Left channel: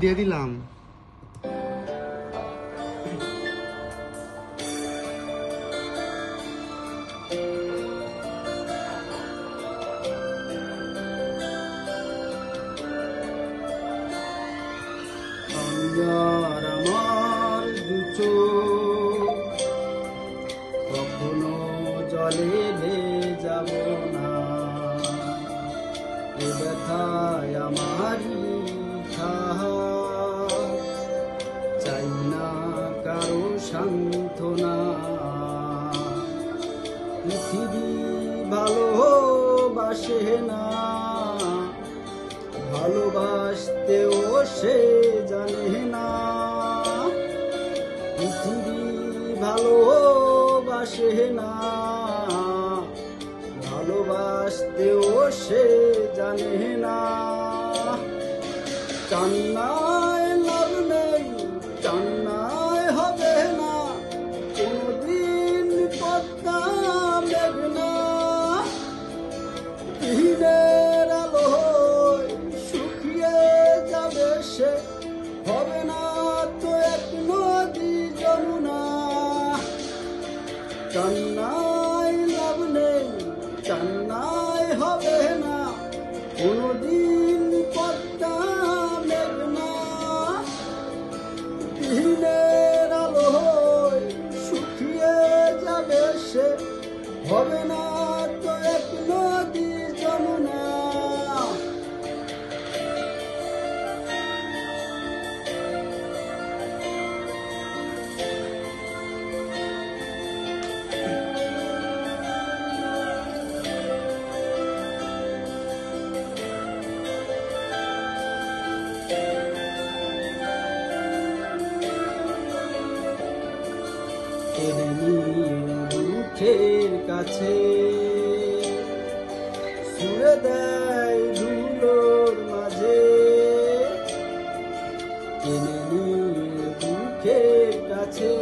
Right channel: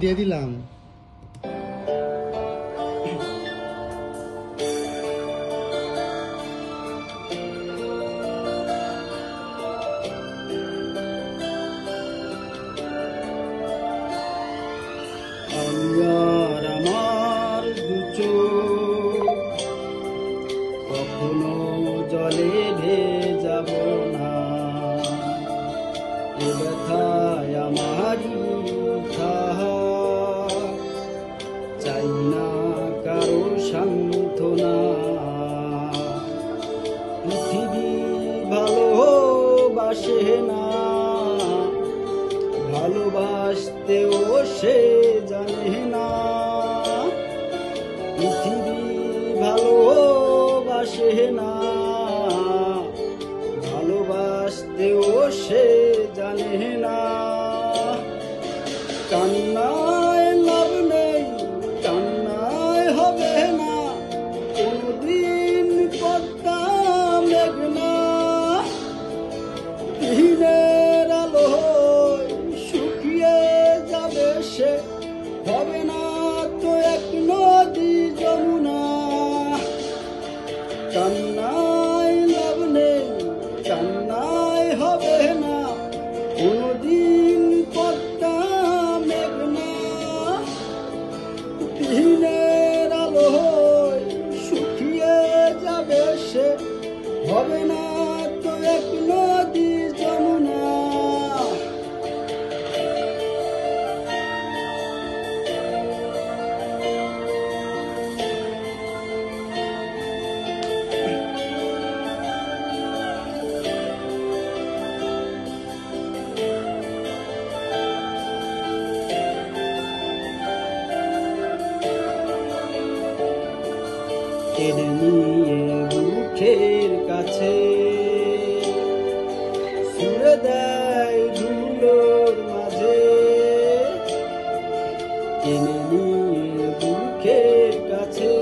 দিয়ে দিলাম। আর আমার দু চোখ কখনো জলে ভেজাব না, এ ব্যথায় আমারই থাহা, চাই না কারো সান্ত্বনা। পৃথিবী ভালোবাসে না, ভালোবাসতেও সে জানে না। পৃথিবী ভালোবাসে না, ভালোবাসতেও সে জানে না। কান্নায় লাভ নেই, কান্নায় হবে না, কোনদিন পদ্মা মেঘনা। দিনের আলোয় শুকিয়ে যাবে সে, হবে না তো এক নদী যমুনা। কান্নায় লাভ নেই, কান্নায় হবে না, কোনদিন পদ্মা মেঘনা। দিনের আলোয় শুকিয়ে যাবে সে, হবে না তো এক নদী যমুনা। টেনে নিয়ে বুকের কাছে সুরে দেয় ধুলোর মাঝে। টেনে নিয়ে বুকের কাছে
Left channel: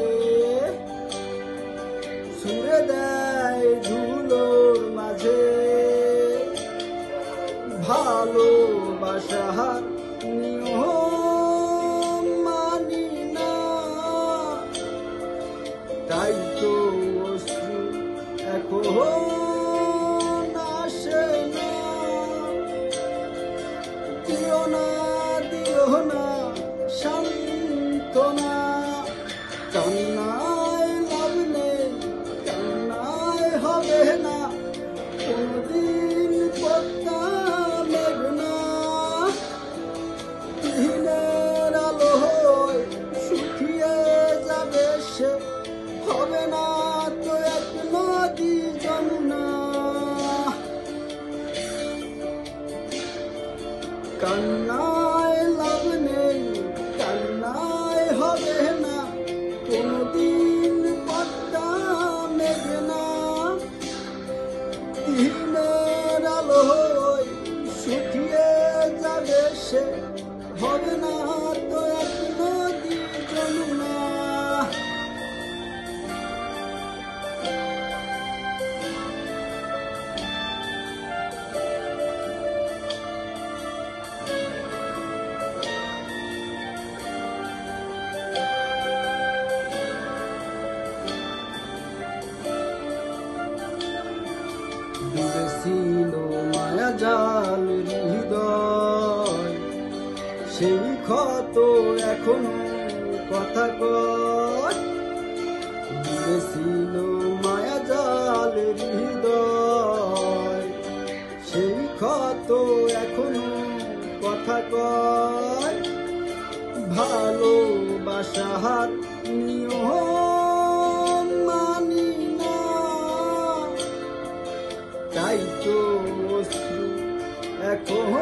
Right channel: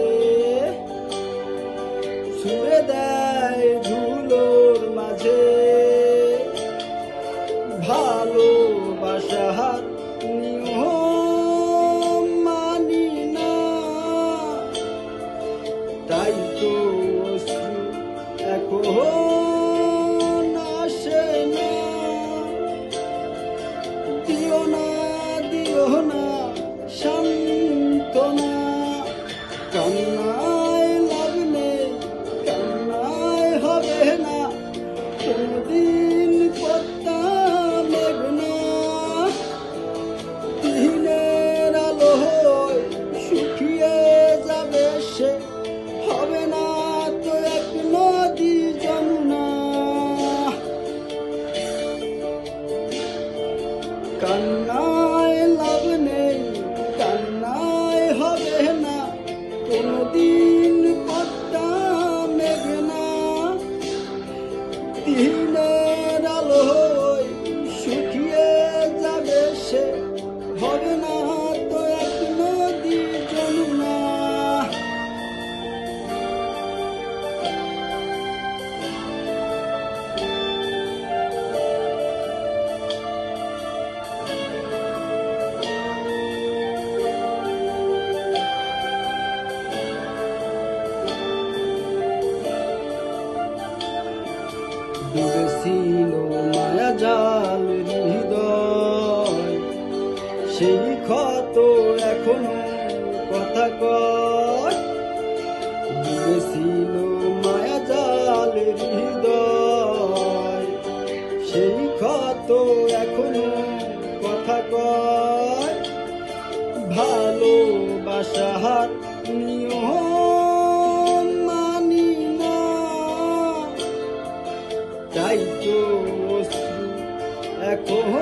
সুরে দেয় ধুলোর মাঝে। ভালোবাসার নিয়ম মানি না, তাই তো অশ্রু এখন আসে না। দিও না, দিও না সান্ত্বনা। কান্নায় লাভ নেই, কান্নায় হবে না, কোনদিন পদ্মা মেঘনা। দিনের আলোয় শুকিয়ে যাবে সে, হবে না তো এক নদী যমুনা। কান্নায় লাভ নেই, কান্নায় হবে না, কোনদিন পদ্মা মেঘনা। দিনের আলোয় শুকিয়ে যাবে সে, হবে না তো এক নদী যমুনা। ডুবেছিল মায়া জাল হৃদয়, সেই ক্ষত এখনো কথা কয়। ডুবেছিল মায়া জাল হৃদয়, সেই ক্ষত এখনো কথা কয়। ভালোবাসার নিয়ম মানি না, তাই তো অশ্রু এখন